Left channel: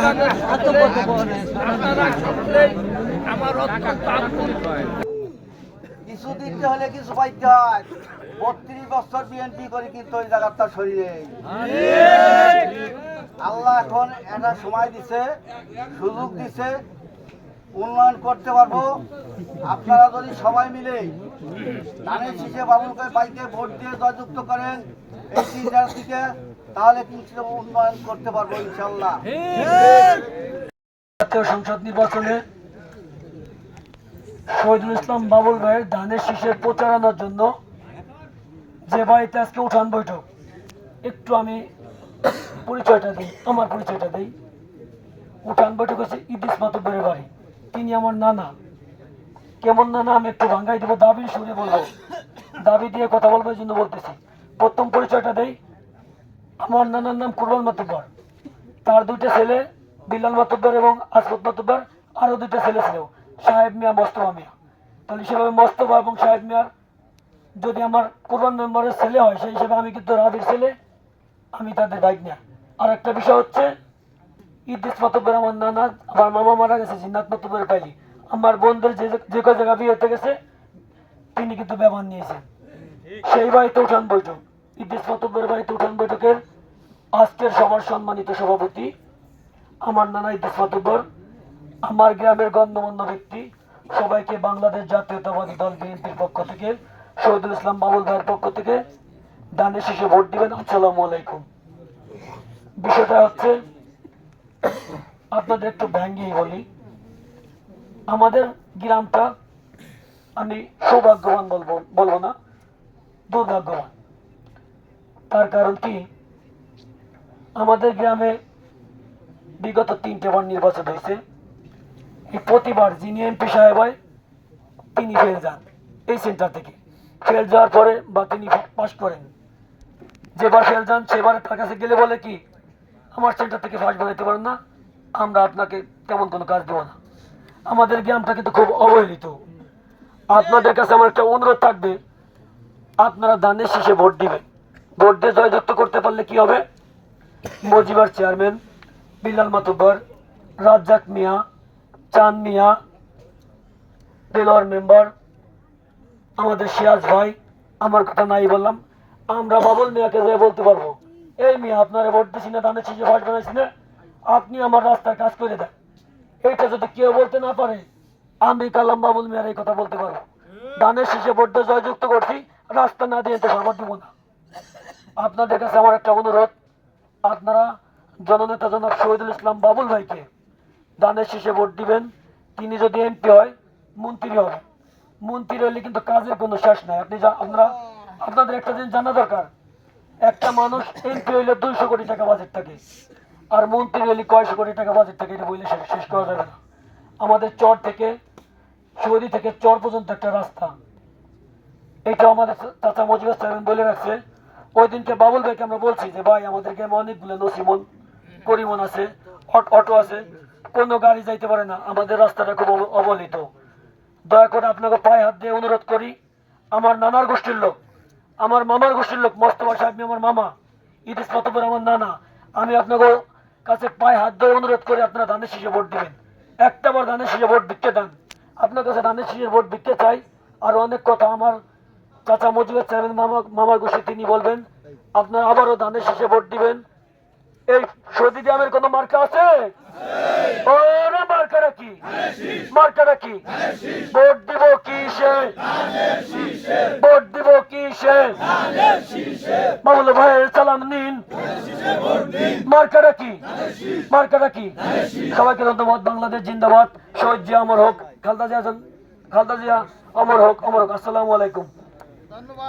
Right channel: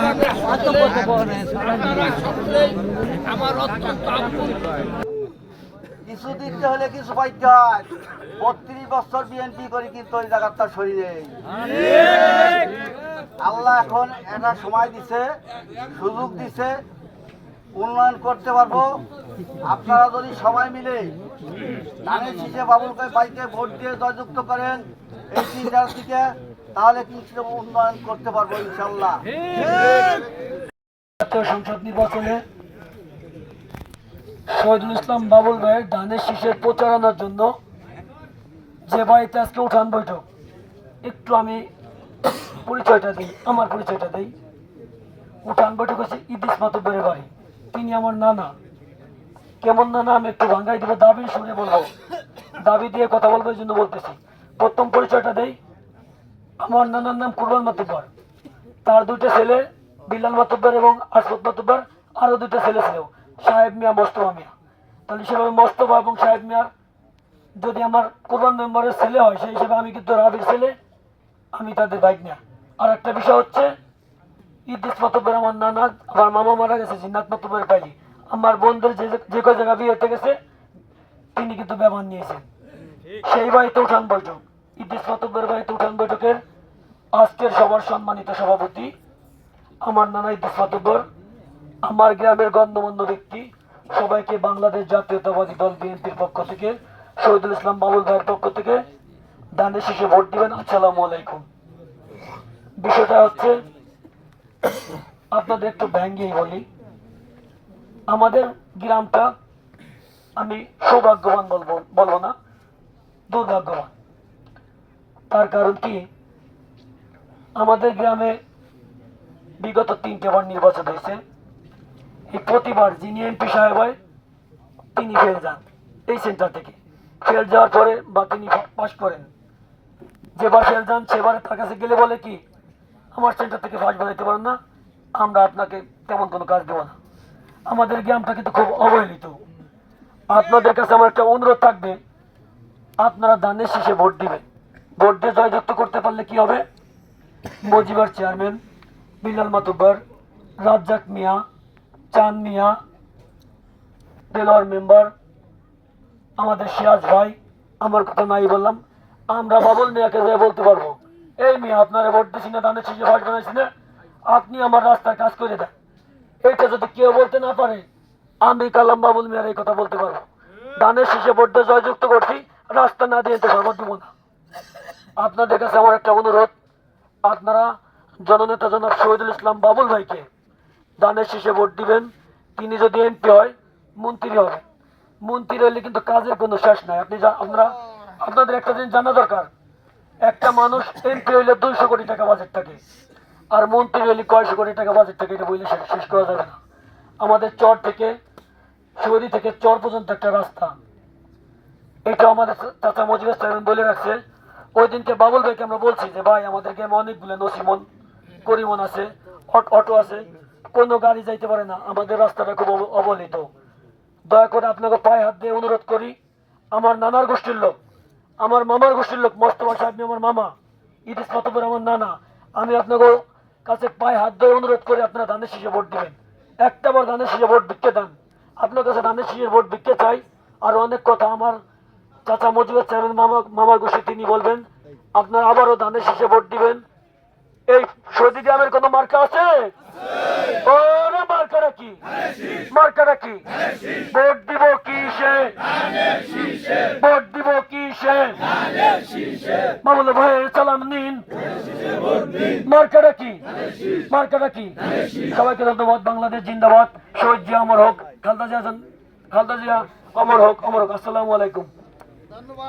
আপনাদের সকলেই, আপনারা সকলেই আমার অত্যন্ত আপন কিছু দিতে হলে কিছু পাইতে হয়। বত্রিশ বছর বিএনপি করে কিন্তু ওই জায়গাটা শরীরে আল্লাহ এখন একটা সময় দিছে, সুযোগ দিছে, উন্নয়ন করতে পারব। আপনারা যদি সবাই মিলে ধানের শীষে বাবুলকে বাইকে ভোট দিয়ে জয়যুক্ত করেন, এই তিনটার থেকে তাহলে কিন্তু উন্নয়ন করতে পারব ইনশাল্লাহ জাতীয় সংসদ নির্বাচনে শহীদুল ইসলাম বাবুল ভাইয়ের ধানের শীষের প্রচারণার জন্য যে বাড়িতে আজকে উঠান বৈঠক একটু আমি পরিচয়টা দিই আমার পরিচয়টা দিই। উঠান বৈঠক হচ্ছে ইদিস মাতব্বরের বাড়ি। তিনি আমার নানা। কেমন নানা আমি একটু ভাঙ্গাই দেবো দাবি শুনে বলব। দাবি দিয়ে কথা বলব এই জন্য বলতেছি। প্রথম পরিচয়টা দেই আমার নানার নাম কুরবান মাতব্বর। তার দুইটা ছেলে, বিল্লাল মাতব্বর এবং আসফত মাতব্বর, আরও দুইটা ছেলে ছিল, সাহেব মিয়া, মোস্তফা মিয়া। তাহলে সেভাবে মোস্তফা এবং সাহেব মিয়ার যদি আমার কোরবান মেম্বারের ছেলে হয়, সেই হিসেবে আমি কিন্তু রাবির ছেলে, আমি তাদের বাইক নেয়া আর একটা বিষয় হচ্ছে ইদ্দিস মাতব্বর আমার নানা, আমার মামা মারা গেছে, জিন্নাত মাতব্বরের পাইলি। আমার বোনদের যে যে কয় জায়গা বিয়ে হতে গেছে, তিনি কিন্তু ব্যবহার নিয়েছেন। সেই বাড়িতে উঠান বৈঠক। ইদ্দিস মাতব্বরের বাড়িতে উঠান বৈঠকের আজকের সবার সম্মানিত সভাপতি, আমার নানা ইদ্দিস মাতব্বর আমার গ্রামের গণ্যমান্য ব্যক্তি, সবাইকে বাংলাদেশ জাতীয়তাবাদী দল বিএনপির পক্ষ থেকে, শহীদুল ইসলাম বাবুল ভাইয়ের পক্ষ থেকে দানের শেষে ভোট দিবেন। আসসালামু আলাইকুম। বিষয়টা হচ্ছে, আপনাদের একটু ভ্যাঙ্গিয়ে বলি। আমাদের গ্রামটা আমি সৌভাগ্যবান বলব বলব না, দুর্ভাগ্যবান। তার কারণ কি? আমাদের গ্রামে বিগত তিনটে বার নির্বাচন হয়েছে। এই প্রতিবার যিনি এমপি সাহেব হয়, তিনি ফেল যান এই সেন্টার থেকে। ফেল যাওয়ার পরে বা তিনি পাশ করেন। যেবার ফেল যান, সেবার তার কাছে গেলে বলে কি, আমার সেন্টার থেকে ফার্স্ট বানাইতে পারেন না, আমরা আপনাকে তেমন কোনো কাজ দেবো না। আমাদের গ্রামটা কিন্তু খুব অবহেলিত। আপনাদের কাছে আমার একটা অনুরোধ থাকবে, আপনারা দানের শেষে ভোট দিবেন। ভোট দিয়ে জয়যুক্ত করতে পারলে কি হবে? মজিবার চেয়ারম্যান বিলাল মাতব্বর, রাজ্জাক মিয়া চান মিয়া, দেলোয়ার মেম্বার, আমাদের সিরাজ ভাই, আমার কথা নাই বললাম, আমরা বাবুল মিয়াকে যে বলতে পারব। এই মিয়া আপনারা ভোট দিছি না দানের শেষে ভাট বানাইছি না, আপনি আমার রাস্তায় কাজ করে দেন। এইটা যদি কেউ বলতে না পারে, আমি কালাম বাবুল মিয়ার এই কথা বলতে পারব। দানের শেষে ভোট দিয়ে জয়যুক্ত করছি, রাস্তা না দিয়ে তো সর্বত দিব না। আপনাদের কাছে আমার একটা অনুরোধ আপনারা জননেতা জনাব শহীদুল ইসলাম বাবুল ভাইকে দানের শেষে ভোট দিবেন। তিনি যদি এমপি হয়, মন্ত্রী হবে। মন্ত্রী হলে কিন্তু কাজের কোনো শেষ নাই। আপনি আপনারা আপনাদের একটা জিনিস জানা দরকার। একটা মানুষ এমপি হইলে দুইশো কোটি টাকা বাজেট থাকে। আর মন্ত্রী হলে কয়শো কোটি টাকা বাজেট থাকে এটা বললে শেষ করা যাবে না। আমাদের চর থেকে, শহরি থেকে চর পর্যন্ত একটা রাস্তা। এটা আমাদের চাচা মজিবুর সাহেব বলে রাখছে ওই দিনকে বাবুল ভাইকে আমরা বলছি যে, ভাই আমাদের গ্রামে অনেকগুলো নসিমন করিমন আছে, অট- আছে, কোনো গাড়ি যাইতে পারে না, আমাদের রাস্তাটা খুব অব- অবহেলিত। দয়া করে আপনাকে পায়ে হাত দিয়ে অনুরোধ করি, আমার নানার গোষ্ঠীর লোক, আমার মামার গোষ্ঠীর লোক, মোস্তফা সাহেব আমার মামা ইদিস মাতবর আমার নানা, আমি আপনাকে কাছে পায়ে হাত ধরে অনুরোধ করি, আপনারা ধানের শীষে ভোট দিবেন। একটা বার ধানের শীষে ভোট ভিক্ষে দেন। আপনার কাছে ধানের শীষের ভোট ভিক্ষে চাই, আর অনেক কথা আমার চাচা মজিবুর চেয়ারম্যান মামা মামার গোষ্ঠী, তিনি বলবেন, আপনার আবারও ধানের শেষে ভোট দিবেন। এই সৌদি গ্রামের কোনো মার্কা আছে? ওরে মার্কাটা কি? মার্কাটা কি? ভোট দিব কিসে? ভোট দিব কিসে? মামুল ভাইয়ের সালাম নিন। মার্কাটা কি? মার্কাটা কি? সবাইকে ধন্যবাদ, বাংলাদেশ জিন্দাবাদ। শহীদ জিয়া, অমর হোক, খালদা জিয়া খালদা জিয়া, অমর হোক অমর হোক। আসসালামু আলাইকুম। ধন্যবাদ